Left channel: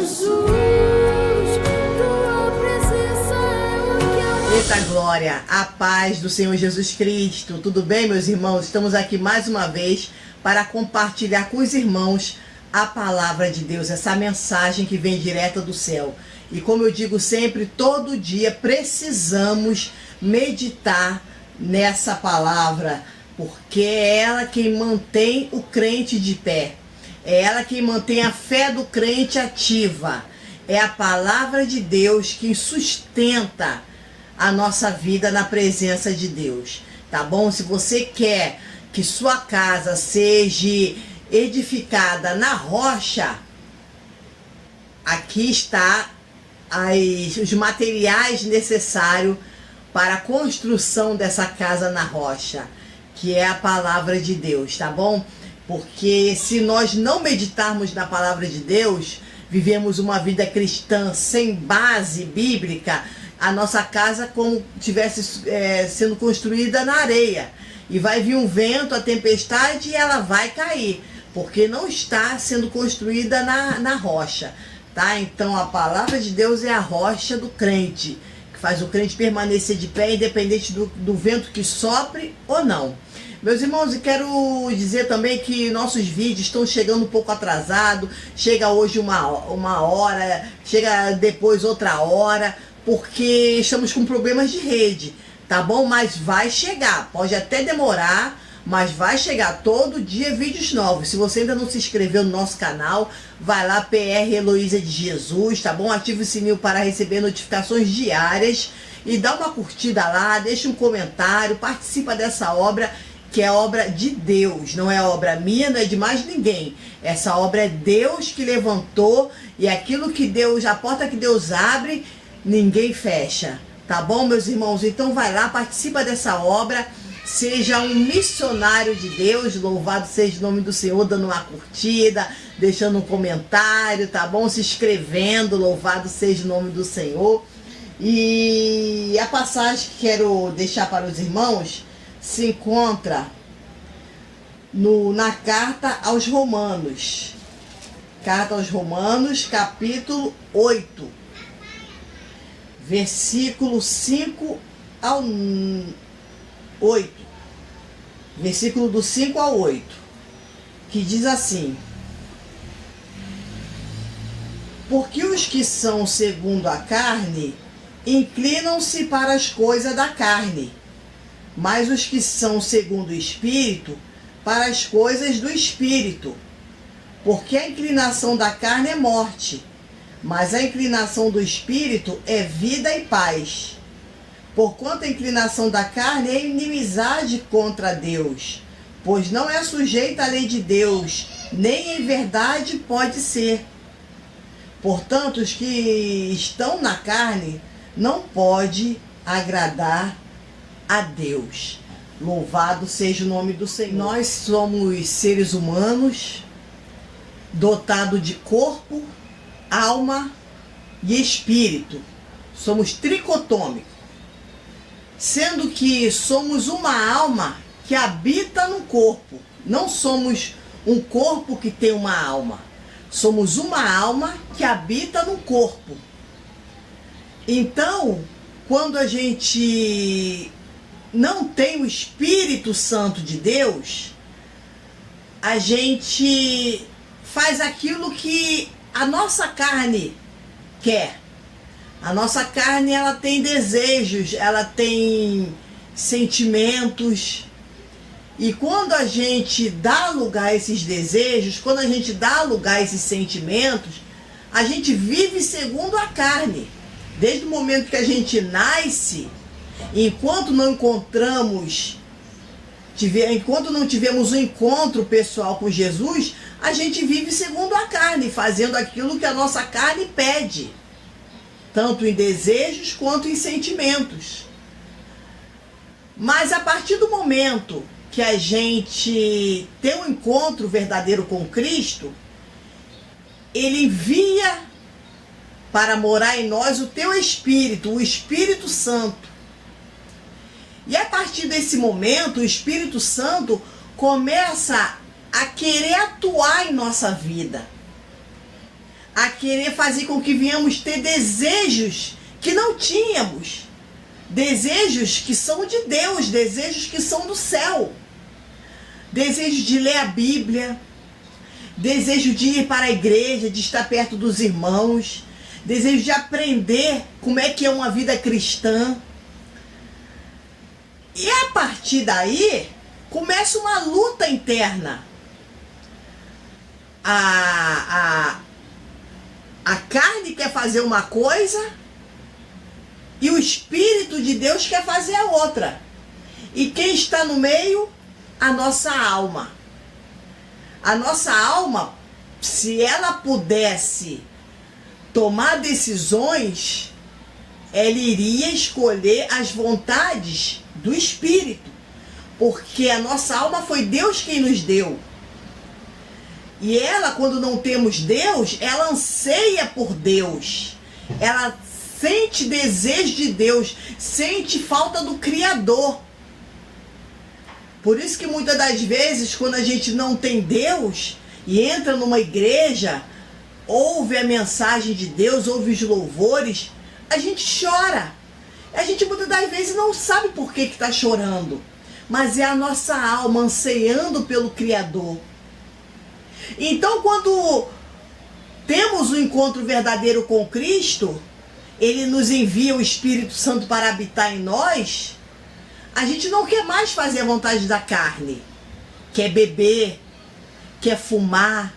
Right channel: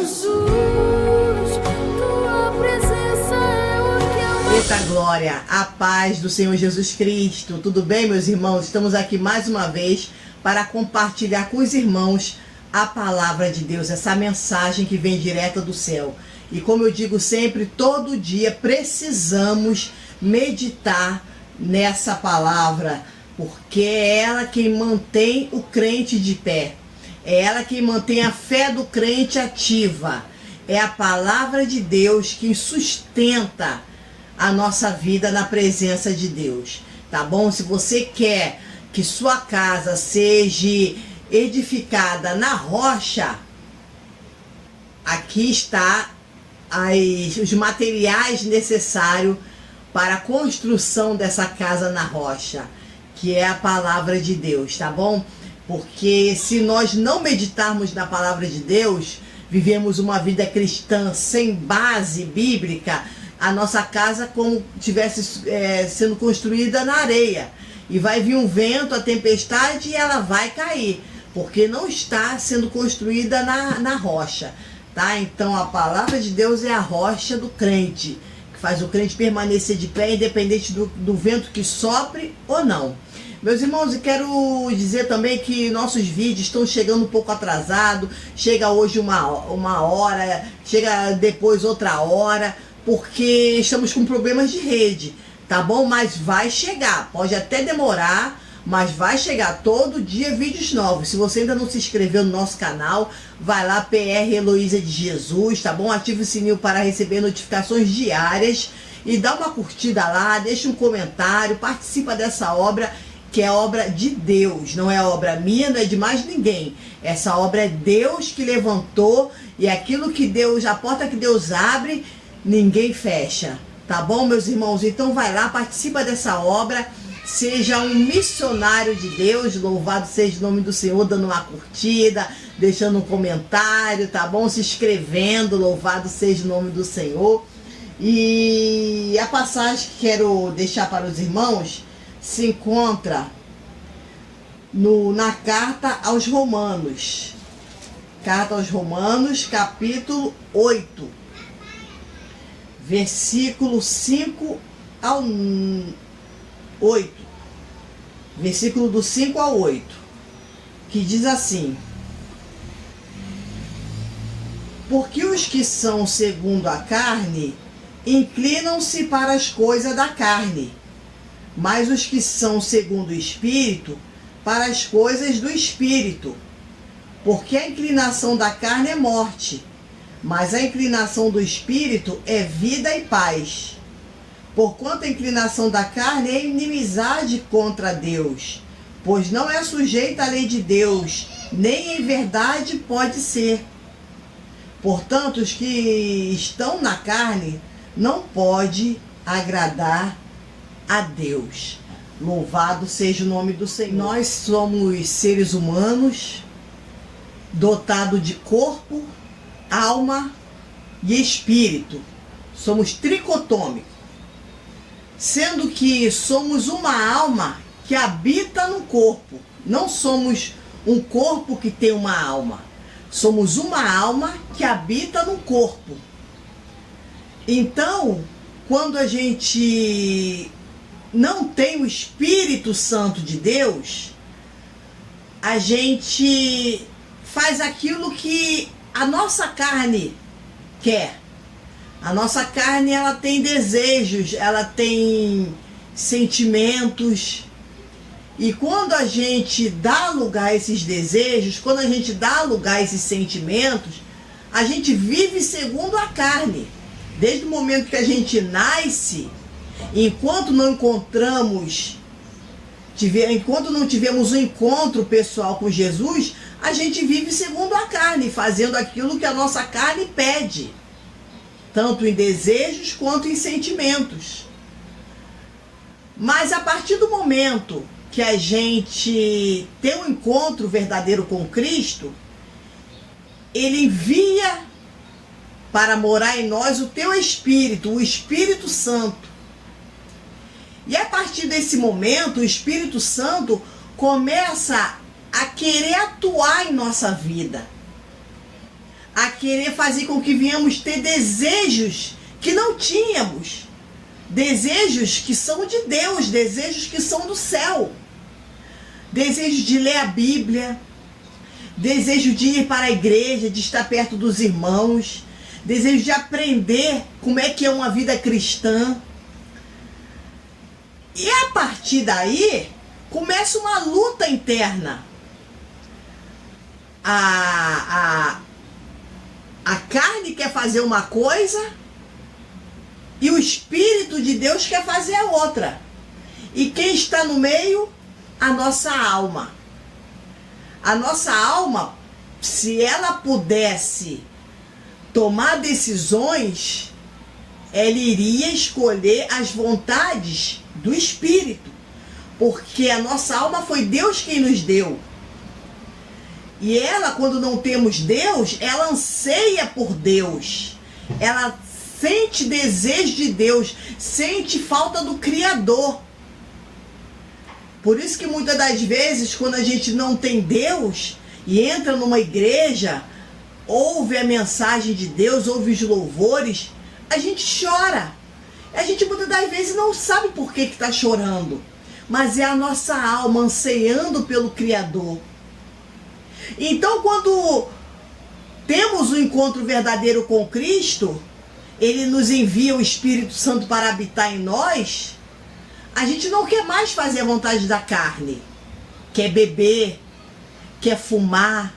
Jesus, tua presença é o que eu mais... Eita glória, a paz do Senhor Jesus Cristo. Tudo bem, meus irmãos? Estamos aqui mais uma vez para compartilhar com os irmãos a palavra de Deus, essa mensagem que vem direta do céu. E como eu digo sempre, todo dia precisamos meditar nessa palavra, porque é ela quem mantém o crente de pé. É ela quem mantém a fé do crente ativa. É a palavra de Deus que sustenta a nossa vida na presença de Deus. Tá bom? Se você quer que sua casa seja edificada na rocha, aqui está os materiais necessários para a construção dessa casa na rocha, que é a palavra de Deus, tá bom? Porque se nós não meditarmos na palavra de Deus, vivemos uma vida cristã sem base bíblica, a nossa casa como tivesse sendo construída na areia. E vai vir um vento, a tempestade, e ela vai cair, porque não está sendo construída na rocha, tá? Então a palavra de Deus é a rocha do crente, que faz o crente permanecer de pé, independente do vento que sopre ou não. Meus irmãos, eu quero dizer também que nossos vídeos estão chegando um pouco atrasado. Chega hoje uma hora, chega depois outra hora, porque estamos com problemas de rede, tá bom? Mas vai chegar, pode até demorar, mas vai chegar todo dia vídeos novos. Se você ainda não se inscreveu no nosso canal, vai lá, PR Heloísa de Jesus, tá bom? Ativa o sininho para receber notificações diárias e dá uma curtida lá, deixa um comentário, participa dessa obra, que é obra de Deus, não é obra minha, não é de mais ninguém. Essa obra é Deus que levantou, e aquilo que Deus, a porta que Deus abre, ninguém fecha, tá bom, meus irmãos? Então vai lá, participa dessa obra, seja um missionário de Deus, louvado seja o nome do Senhor, dando uma curtida, deixando um comentário, tá bom? Se inscrevendo, louvado seja o nome do Senhor. E a passagem que quero deixar para os irmãos se encontra na carta aos Romanos. Carta aos Romanos, capítulo 8, versículo 5 ao 8. Versículo do 5 ao 8, que diz assim: porque os que são segundo a carne inclinam-se para as coisas da carne, mas os que são segundo o Espírito, para as coisas do Espírito. Porque a inclinação da carne é morte, mas a inclinação do Espírito é vida e paz. Porquanto a inclinação da carne é inimizade contra Deus, pois não é sujeita à lei de Deus, nem em verdade pode ser. Portanto, os que estão na carne não podem agradar a Deus. Louvado seja o nome do Senhor. Nós somos seres humanos dotados de corpo, alma e espírito. Somos tricotômicos, sendo que somos uma alma que habita no corpo. Não somos um corpo que tem uma alma. Somos uma alma que habita no corpo. Então, quando a gente não tem o Espírito Santo de Deus, a gente faz aquilo que a nossa carne quer. A nossa carne, ela tem desejos, ela tem sentimentos. E quando a gente dá lugar a esses desejos, quando a gente dá lugar a esses sentimentos, a gente vive segundo a carne. Desde o momento que a gente nasce, enquanto não tivemos um encontro pessoal com Jesus, a gente vive segundo a carne, fazendo aquilo que a nossa carne pede, tanto em desejos quanto em sentimentos. Mas a partir do momento que a gente tem um encontro verdadeiro com Cristo, Ele envia para morar em nós o teu Espírito, o Espírito Santo. E a partir desse momento, o Espírito Santo começa a querer atuar em nossa vida, a querer fazer com que venhamos ter desejos que não tínhamos. Desejos que são de Deus, desejos que são do céu. Desejo de ler a Bíblia, desejo de ir para a igreja, de estar perto dos irmãos, desejo de aprender como é que é uma vida cristã. E a partir daí, começa uma luta interna. A carne quer fazer uma coisa e o Espírito de Deus quer fazer a outra. E quem está no meio? A nossa alma. A nossa alma, se ela pudesse tomar decisões, ela iria escolher as vontades do Espírito. Porque a nossa alma foi Deus quem nos deu. E ela, quando não temos Deus, ela anseia por Deus. Ela sente desejo de Deus, sente falta do Criador. Por isso que muitas das vezes, quando a gente não tem Deus e entra numa igreja, ouve a mensagem de Deus, ouve os louvores, a gente chora. A gente muitas das vezes não sabe por que está chorando, mas é a nossa alma anseando pelo Criador. Então, quando temos um encontro verdadeiro com Cristo, Ele nos envia o Espírito Santo para habitar em nós, a gente não quer mais fazer a vontade da carne. Quer beber, quer fumar,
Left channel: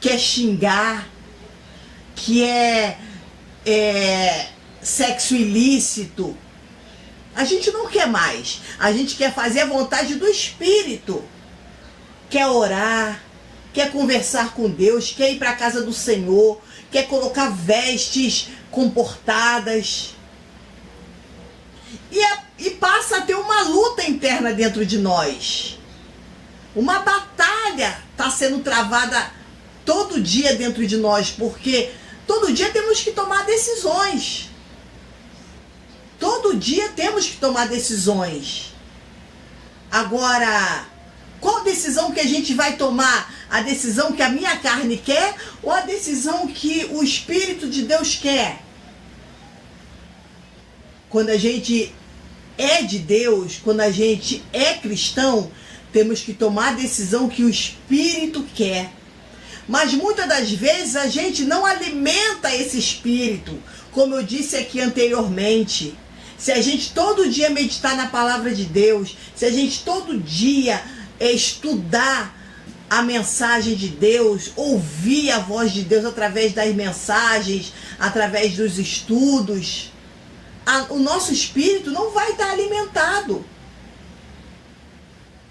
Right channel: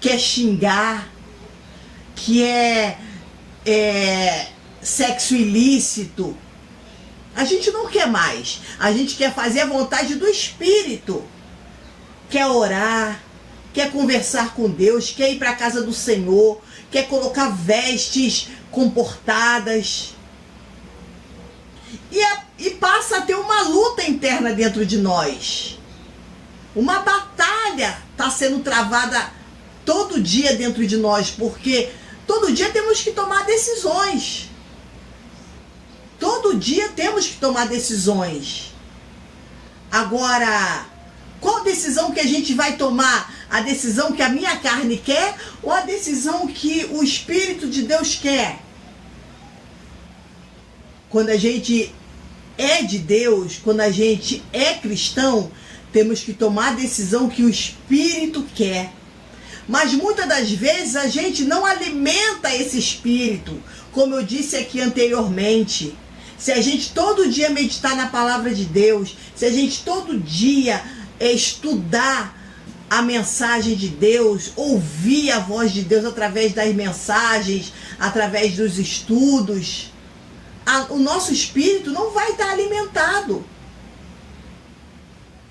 quer xingar, quer sexo ilícito. A gente não quer mais. A gente quer fazer a vontade do Espírito. Quer orar, quer conversar com Deus, quer ir para a casa do Senhor, quer colocar vestes comportadas. E passa a ter uma luta interna dentro de nós. Uma batalha está sendo travada todo dia dentro de nós, porque todo dia temos que tomar decisões. Todo dia temos que tomar decisões. Agora, qual decisão que a gente vai tomar? A decisão que a minha carne quer ou a decisão que o Espírito de Deus quer? Quando a gente é de Deus, quando a gente é cristão, temos que tomar a decisão que o Espírito quer. Mas muitas das vezes a gente não alimenta esse Espírito, como eu disse aqui anteriormente. Se a gente todo dia meditar na palavra de Deus, se a gente todo dia estudar a mensagem de Deus, ouvir a voz de Deus através das mensagens, através dos estudos, o nosso espírito não vai estar alimentado.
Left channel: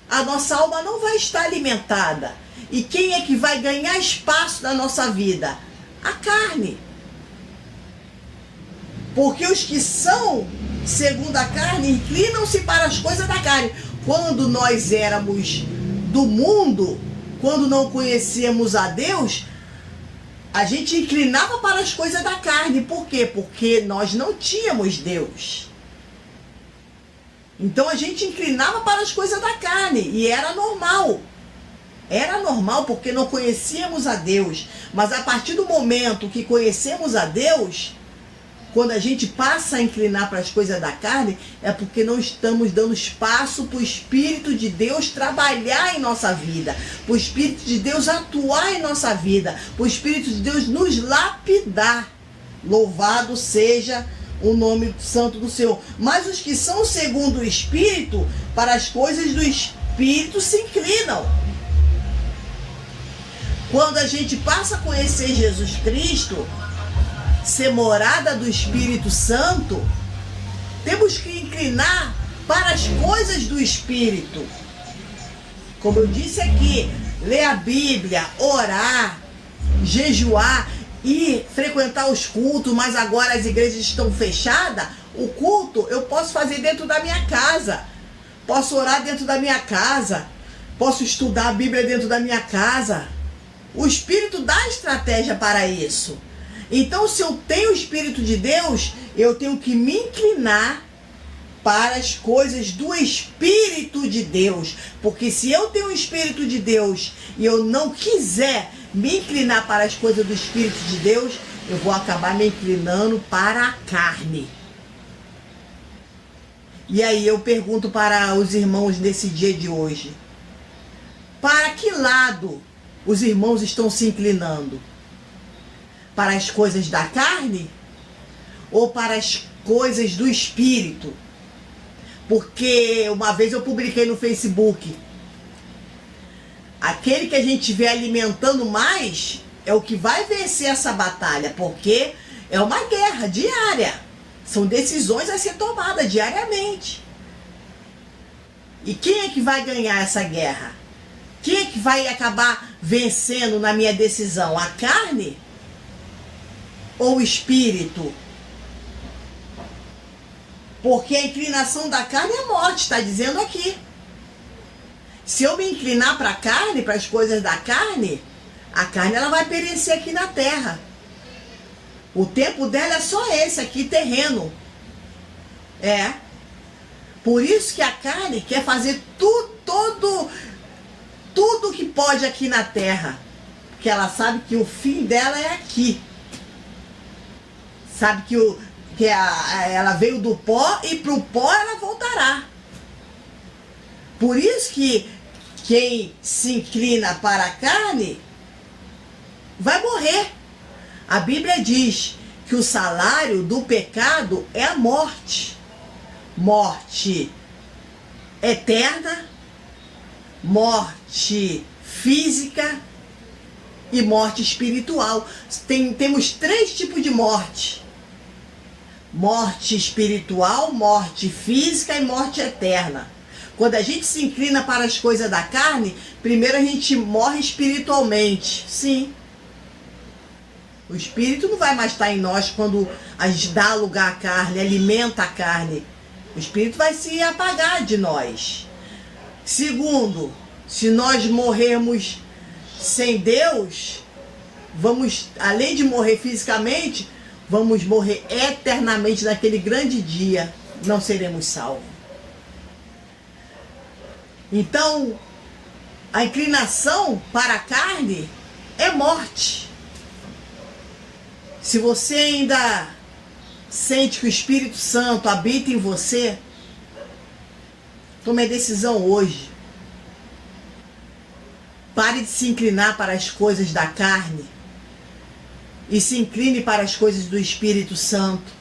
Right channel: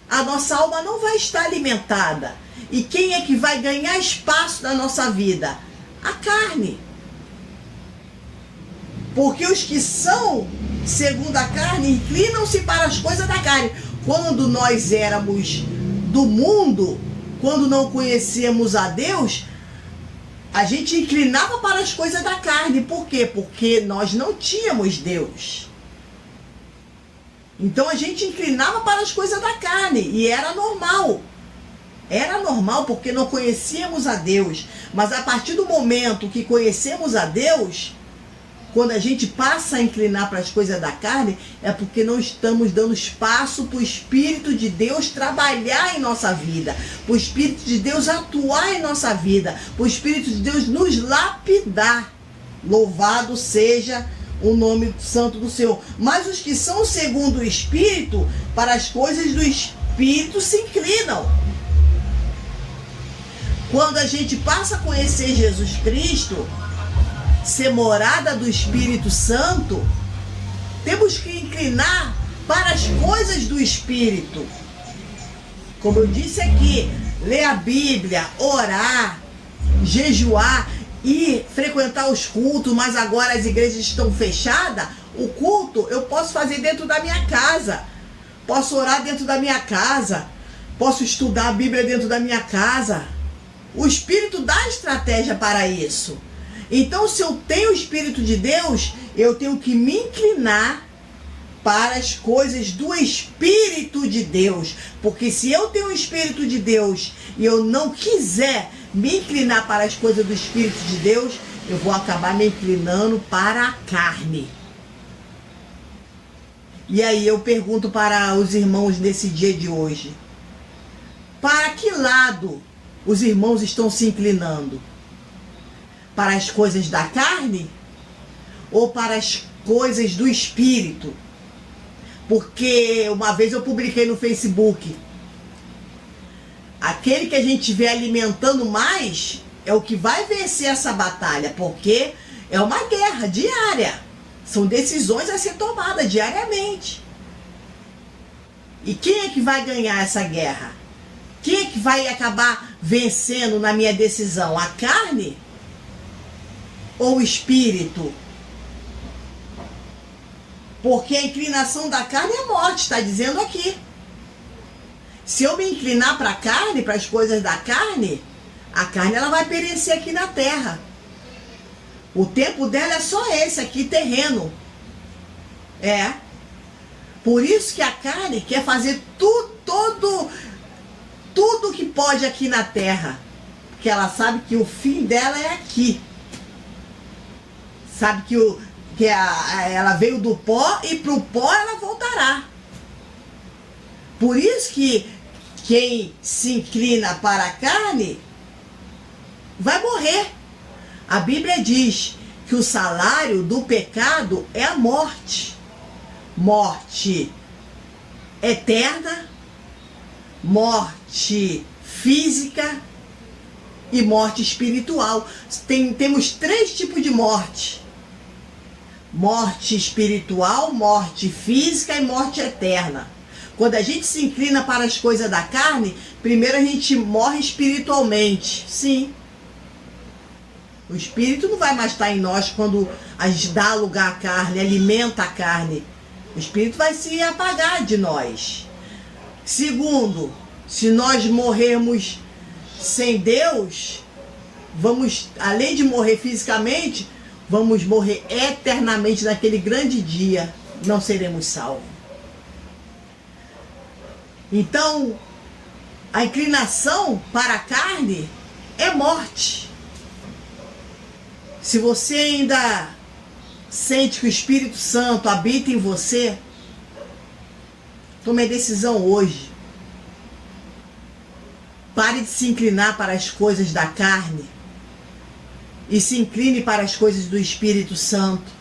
A nossa alma não vai estar alimentada. E quem é que vai ganhar espaço na nossa vida? A carne. Porque os que são segundo a carne inclinam-se para as coisas da carne. Quando nós éramos do mundo, quando não conhecíamos a Deus, a gente inclinava para as coisas da carne. Por quê? Porque nós não tínhamos Deus. Então a gente inclinava para as coisas da carne. E era normal. Era normal porque não conhecíamos a Deus. Mas a partir do momento que conhecemos a Deus, quando a gente passa a inclinar para as coisas da carne, é porque não estamos dando espaço para o Espírito de Deus trabalhar em nossa vida, para o Espírito de Deus atuar em nossa vida, para o Espírito de Deus nos lapidar. Louvado seja o nome santo do Senhor. Mas os que são segundo o Espírito, para as coisas do Espírito se inclinam. Quando a gente passa a conhecer Jesus Cristo, ser morada do Espírito Santo, temos que inclinar para as coisas do Espírito. Como eu disse aqui, ler a Bíblia, orar, jejuar e frequentar os cultos, mas agora as igrejas estão fechadas. O culto eu posso fazer dentro da minha casa, posso orar dentro da minha casa, posso estudar a Bíblia dentro da minha casa. O Espírito dá estratégia para isso. Então, se eu tenho o Espírito de Deus, eu tenho que me inclinar para as coisas do Espírito de Deus. Porque se eu tenho o Espírito de Deus e eu não quiser me inclinar para as coisas do Espírito de Deus, eu vou acabar me inclinando para a carne. E aí eu pergunto para os irmãos nesse dia de hoje: para que lado os irmãos estão se inclinando? Para as coisas da carne ou para as coisas do Espírito? Porque uma vez eu publiquei no Facebook: aquele que a gente estiver alimentando mais é o que vai vencer essa batalha, porque é uma guerra diária. São decisões a ser tomadas diariamente. E quem é que vai ganhar essa guerra? Quem é que vai acabar vencendo na minha decisão? A carne ou o Espírito? Porque a inclinação da carne é morte, está dizendo aqui. Se eu me inclinar para a carne, para as coisas da carne, a carne ela vai perecer aqui na terra. O tempo dela é só esse aqui, terreno. É. Por isso que a carne quer fazer tudo que pode aqui na terra. Porque ela sabe que o fim dela é aqui. Sabe que ela veio do pó e para o pó ela voltará. Por isso que quem se inclina para a carne vai morrer. A Bíblia diz que o salário do pecado é a morte. Morte eterna, morte física e morte espiritual. Temos 3 tipos de morte: morte espiritual, morte física e morte eterna. Quando a gente se inclina para as coisas da carne, primeiro a gente morre espiritualmente. Sim. O Espírito não vai mais estar em nós quando a gente dá lugar à carne, alimenta a carne. O Espírito vai se apagar de nós. Segundo, se nós morrermos sem Deus, vamos, além de morrer fisicamente, vamos morrer eternamente naquele grande dia. Não seremos salvos. Então, a inclinação para a carne é morte. Se você ainda sente que o Espírito Santo habita em você, tome a decisão hoje. Pare de se inclinar para as coisas da carne e se incline para as coisas do Espírito Santo.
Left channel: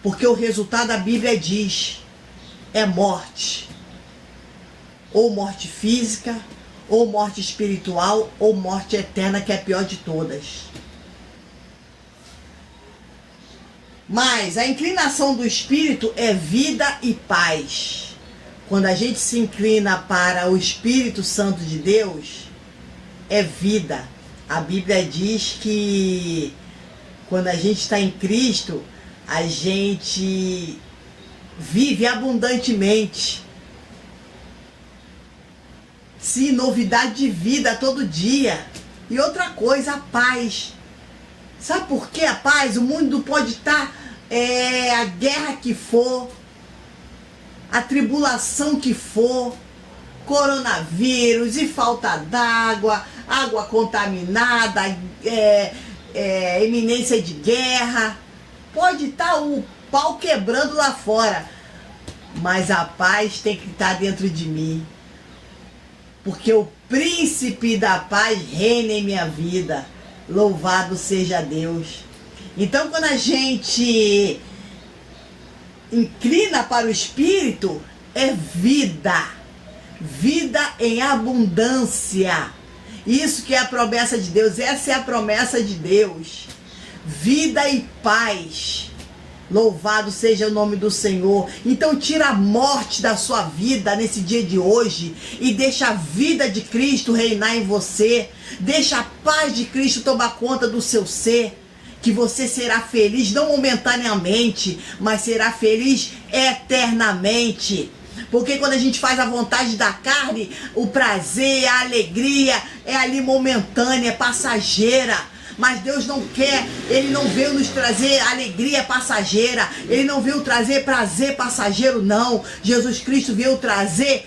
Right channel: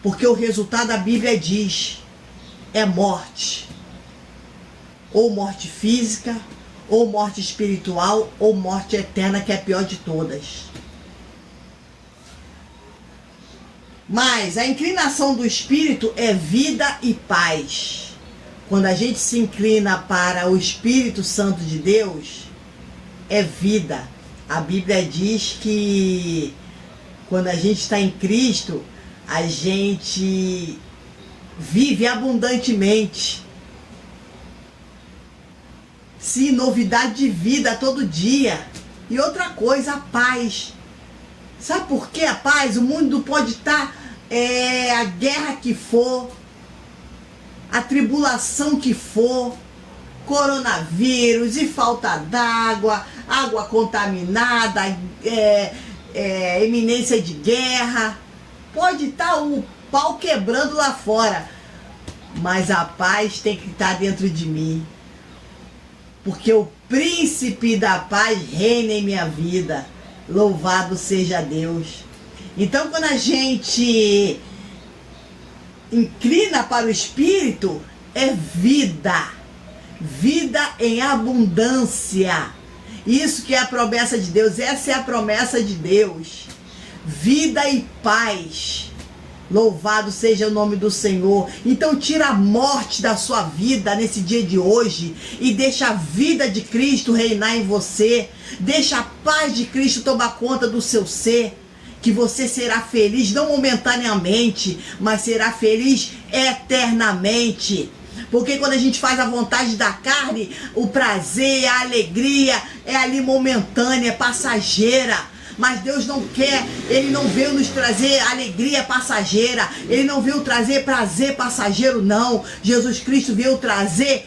Porque o resultado da Bíblia diz: é morte. Ou morte física, ou morte espiritual, ou morte eterna, que é a pior de todas. Mas a inclinação do Espírito é vida e paz. Quando a gente se inclina para o Espírito Santo de Deus, é vida. A Bíblia diz que quando a gente está em Cristo, a gente vive abundantemente. Sim, novidade de vida todo dia. E outra coisa, a paz. Sabe por que a paz? O mundo pode estar, a guerra que for, a tribulação que for, coronavírus e falta d'água, água contaminada, iminência de guerra. Pode estar o pau quebrando lá fora, mas a paz tem que estar dentro de mim. Porque o príncipe da paz reina em minha vida. Louvado seja Deus. Então, quando a gente inclina para o Espírito, é vida. Vida em abundância. Isso que é a promessa de Deus. Essa é a promessa de Deus. Vida e paz. Louvado seja o nome do Senhor. Então tira a morte da sua vida nesse dia de hoje e deixa a vida de Cristo reinar em você. Deixa a paz de Cristo tomar conta do seu ser, que você será feliz não momentaneamente, mas será feliz eternamente. Porque quando a gente faz a vontade da carne, o prazer, a alegria é ali momentânea, é passageira. Mas Deus não quer, Ele não veio nos trazer alegria passageira, Ele não veio trazer prazer passageiro, não. Jesus Cristo veio trazer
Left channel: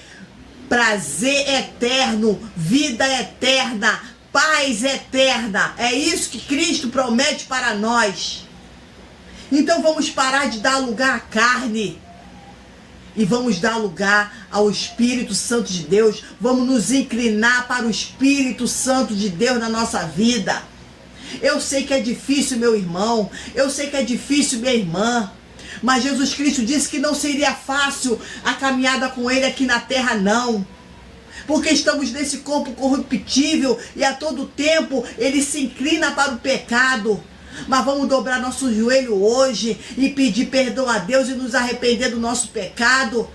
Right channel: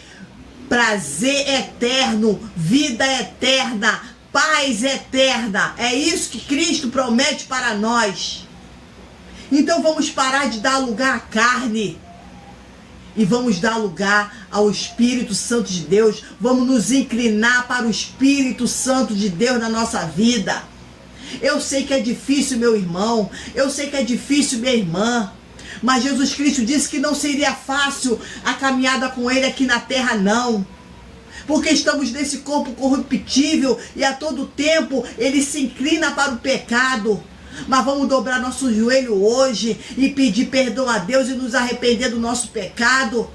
prazer eterno, vida eterna, paz eterna. É isso que Cristo promete para nós. Então vamos parar de dar lugar à carne e vamos dar lugar ao Espírito Santo de Deus. Vamos nos inclinar para o Espírito Santo de Deus na nossa vida. Eu sei que é difícil, meu irmão. Eu sei que é difícil, minha irmã. Mas Jesus Cristo disse que não seria fácil a caminhada com Ele aqui na terra, não. Porque estamos nesse corpo corruptível e a todo tempo Ele se inclina para o pecado. Mas vamos dobrar nosso joelho hoje e pedir perdão a Deus e nos arrepender do nosso pecado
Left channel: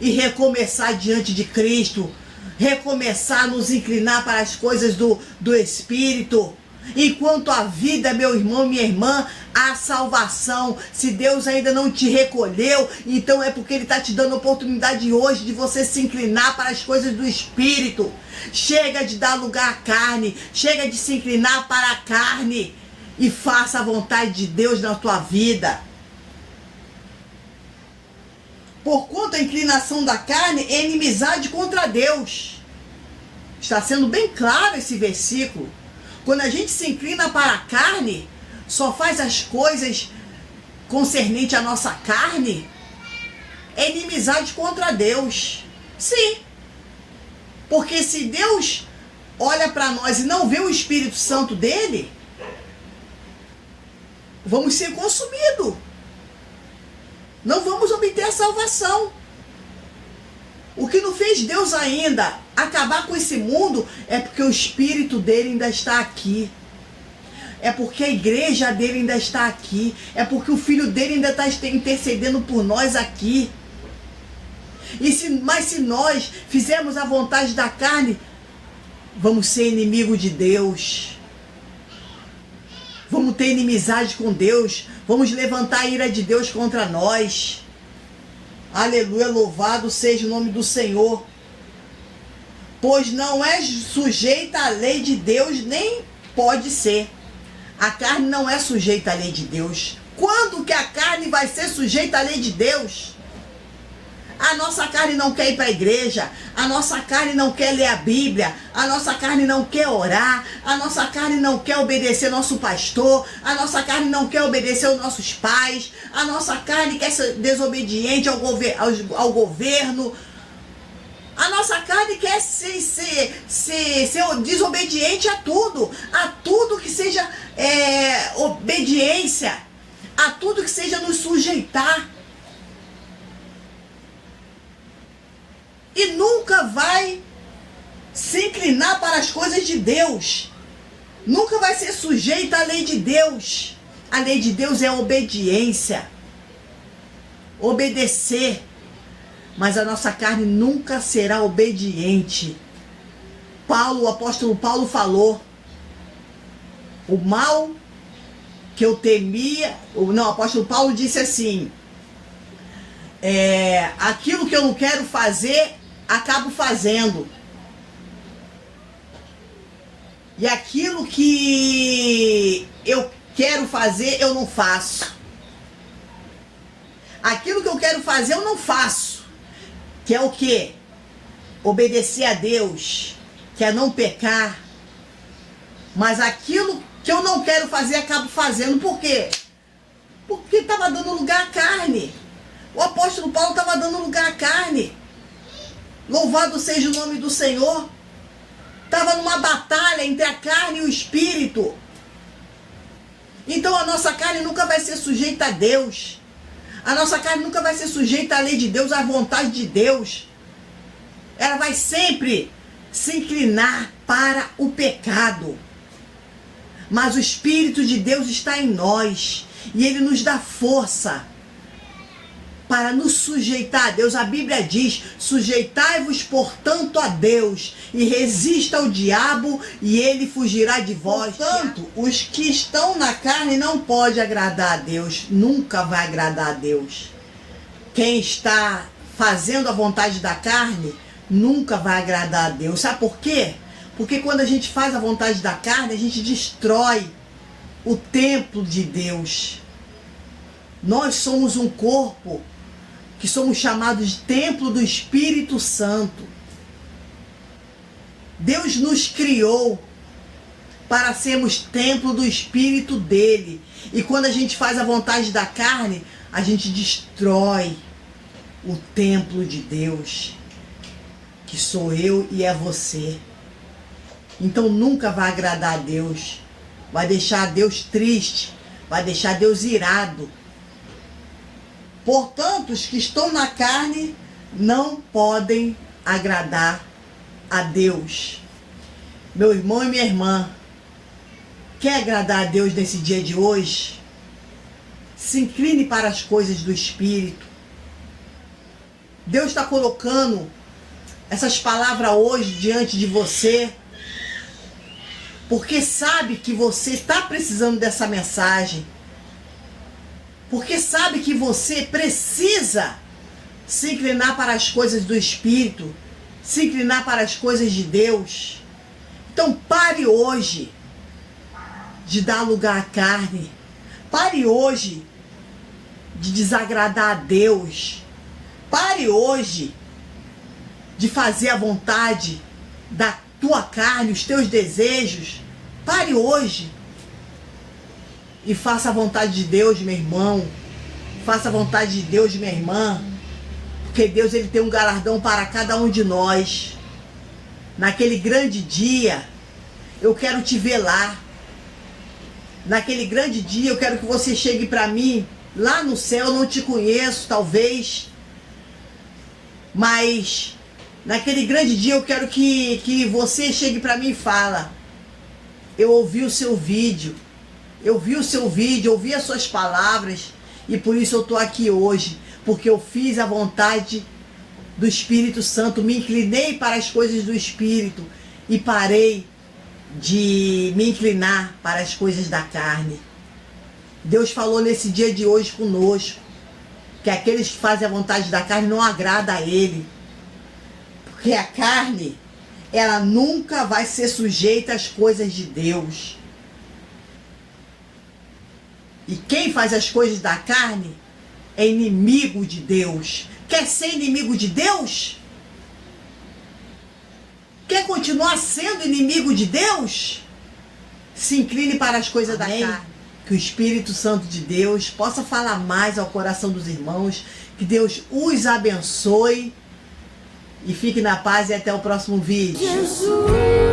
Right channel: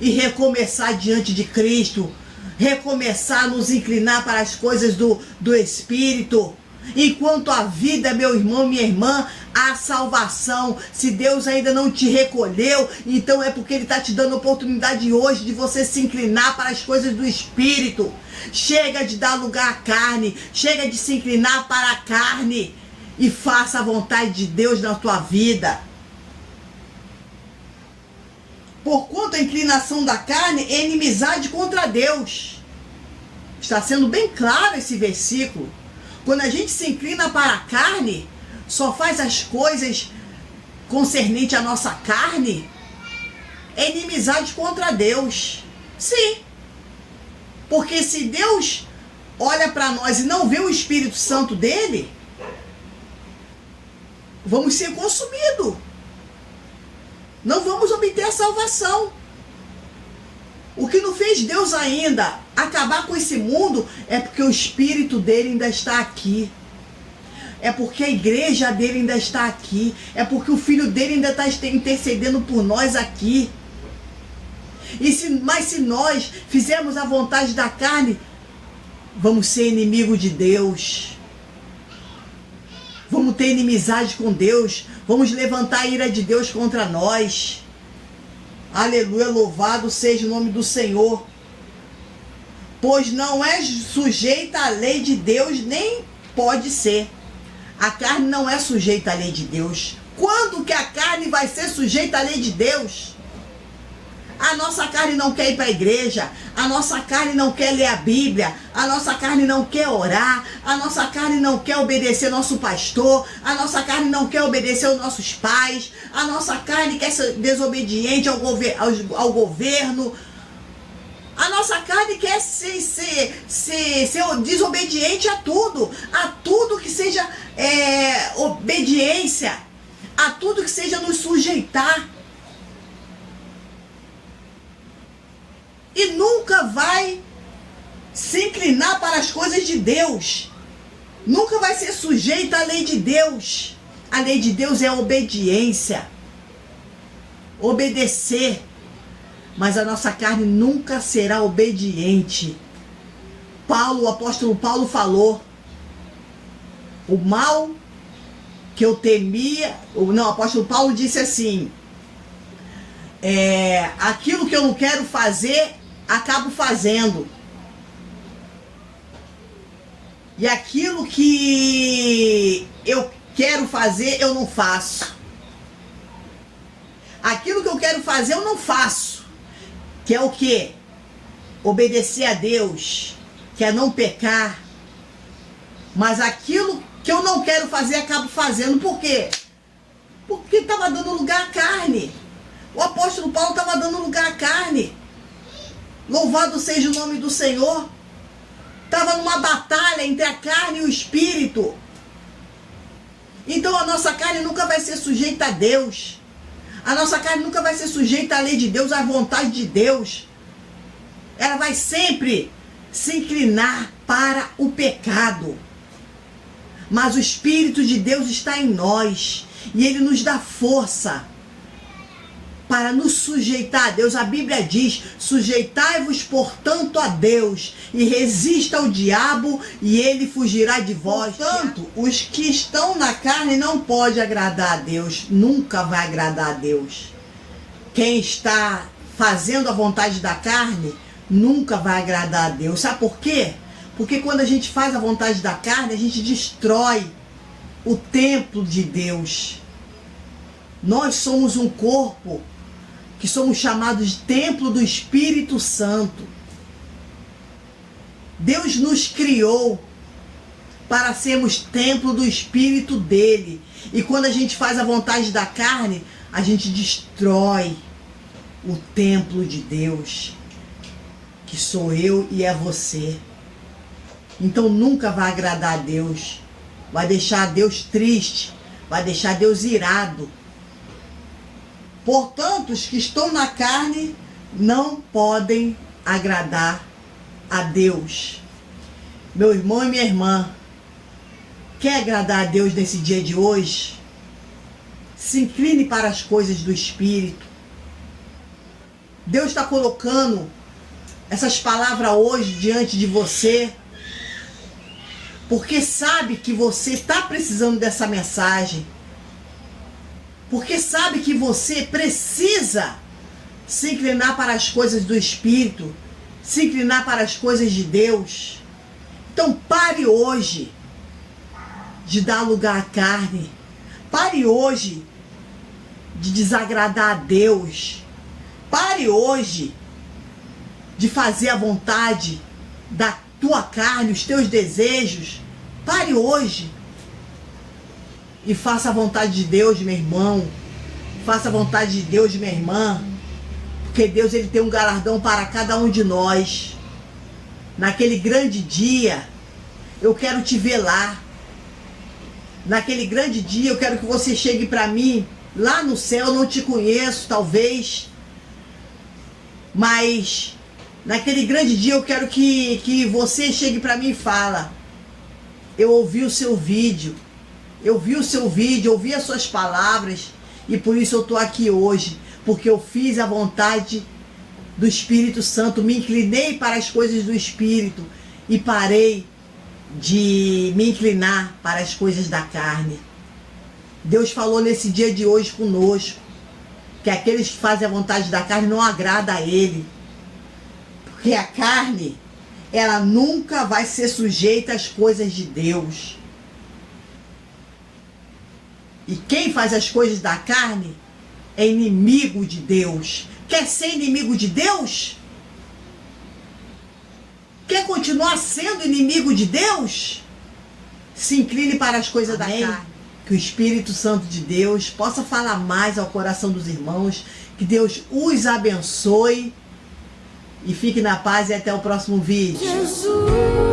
e recomeçar diante de Cristo. Recomeçar, nos inclinar para as coisas do Espírito. Enquanto a vida, meu irmão, minha irmã, há salvação. Se Deus ainda não te recolheu, então é porque Ele está te dando a oportunidade hoje de você se inclinar para as coisas do Espírito. Chega de dar lugar à carne, chega de se inclinar para a carne e faça a vontade de Deus na tua vida. Porquanto a inclinação da carne é inimizade contra Deus. Está sendo bem claro esse versículo. Quando a gente se inclina para a carne, só faz as coisas concernente à nossa carne, é inimizade contra Deus. Sim. Porque se Deus olha para nós e não vê o Espírito Santo dele, vamos ser consumidos. Não vamos obter a salvação. O que não fez Deus ainda acabar com esse mundo é porque o Espírito dele ainda está aqui. É porque a igreja dele ainda está aqui. É porque o Filho dele ainda está intercedendo por nós aqui. Mas se nós fizermos a vontade da carne, vamos ser inimigo de Deus. Vamos ter inimizade com Deus. Vamos levantar a ira de Deus contra nós. Aleluia, louvado seja o nome do Senhor. Pois não é sujeita à lei de Deus, nem pode ser. A carne não é sujeita à lei de Deus. Quando que a carne vai ser sujeita à lei de Deus? A nossa carne não quer ir para a igreja, a nossa carne não quer ler a Bíblia, a nossa carne não quer orar, a nossa carne não quer obedecer nosso pastor, a nossa carne não quer obedecer os nossos pais, a nossa carne quer ser desobediente ao governo, a nossa carne quer ser desobediente a tudo que seja obediência, a tudo que seja nos sujeitar. E nunca vai se inclinar para as coisas de Deus. Nunca vai ser sujeito à lei de Deus. A lei de Deus é a obediência. Obedecer. Mas a nossa carne nunca será obediente. O apóstolo Paulo falou: o mal que eu temia... o apóstolo Paulo disse assim: aquilo que eu não quero fazer, acabo fazendo. E aquilo que eu quero fazer, eu não faço. Aquilo que eu quero fazer, eu não faço. Que é o quê? Obedecer a Deus. Que é não pecar. Mas aquilo que eu não quero fazer, acabo fazendo. Por quê? Porque estava dando lugar à carne. O apóstolo Paulo estava dando lugar à carne. Louvado seja o nome do Senhor. Estava numa batalha entre a carne e o Espírito. Então a nossa carne nunca vai ser sujeita a Deus. A nossa carne nunca vai ser sujeita à lei de Deus, à vontade de Deus. Ela vai sempre se inclinar para o pecado. Mas o Espírito de Deus está em nós. E Ele nos dá força para nos sujeitar a Deus. A Bíblia diz: sujeitai-vos, portanto, a Deus, e resista ao diabo, e ele fugirá de vós. Portanto, os que estão na carne não podem agradar a Deus, nunca vai agradar a Deus. Quem está fazendo a vontade da carne, nunca vai agradar a Deus. Sabe por quê? Porque quando a gente faz a vontade da carne, a gente destrói o templo de Deus. Nós somos um corpo que somos chamados de templo do Espírito Santo. Deus nos criou para sermos templo do Espírito dele. E quando a gente faz a vontade da carne, a gente destrói o templo de Deus, que sou eu e é você. Então nunca vai agradar a Deus, vai deixar Deus triste, vai deixar Deus irado. Portanto, os que estão na carne não podem agradar a Deus. Meu irmão e minha irmã, quer agradar a Deus nesse dia de hoje? Se incline para as coisas do Espírito. Deus está colocando essas palavras hoje diante de você, porque sabe que você está precisando dessa mensagem. Porque sabe que você precisa se inclinar para as coisas do Espírito, se inclinar para as coisas de Deus. Então pare hoje de dar lugar à carne. Pare hoje de desagradar a Deus. Pare hoje de fazer a vontade da tua carne, os teus desejos. Pare hoje e faça a vontade de Deus, meu irmão. Faça a vontade de Deus, minha irmã. Porque Deus, ele tem um galardão para cada um de nós. Naquele grande dia, eu quero te ver lá. Naquele grande dia, eu quero que você chegue para mim. Lá no céu, eu não te conheço, talvez. Mas naquele grande dia, eu quero que você chegue para mim e fala: eu ouvi o seu vídeo. Eu vi o seu vídeo, ouvi as suas palavras, e por isso eu estou aqui hoje, porque eu fiz a vontade do Espírito Santo, me inclinei para as coisas do Espírito e parei de me inclinar para as coisas da carne. Deus falou nesse dia de hoje conosco, que aqueles que fazem a vontade da carne não agrada a Ele, porque a carne, ela nunca vai ser sujeita às coisas de Deus. E quem faz as coisas da carne é inimigo de Deus. Quer ser inimigo de Deus? Quer continuar sendo inimigo de Deus? Se incline para as coisas da carne. Que o Espírito Santo de Deus possa falar mais ao coração dos irmãos. Que Deus os abençoe. E fique na paz e até o próximo vídeo. Jesus.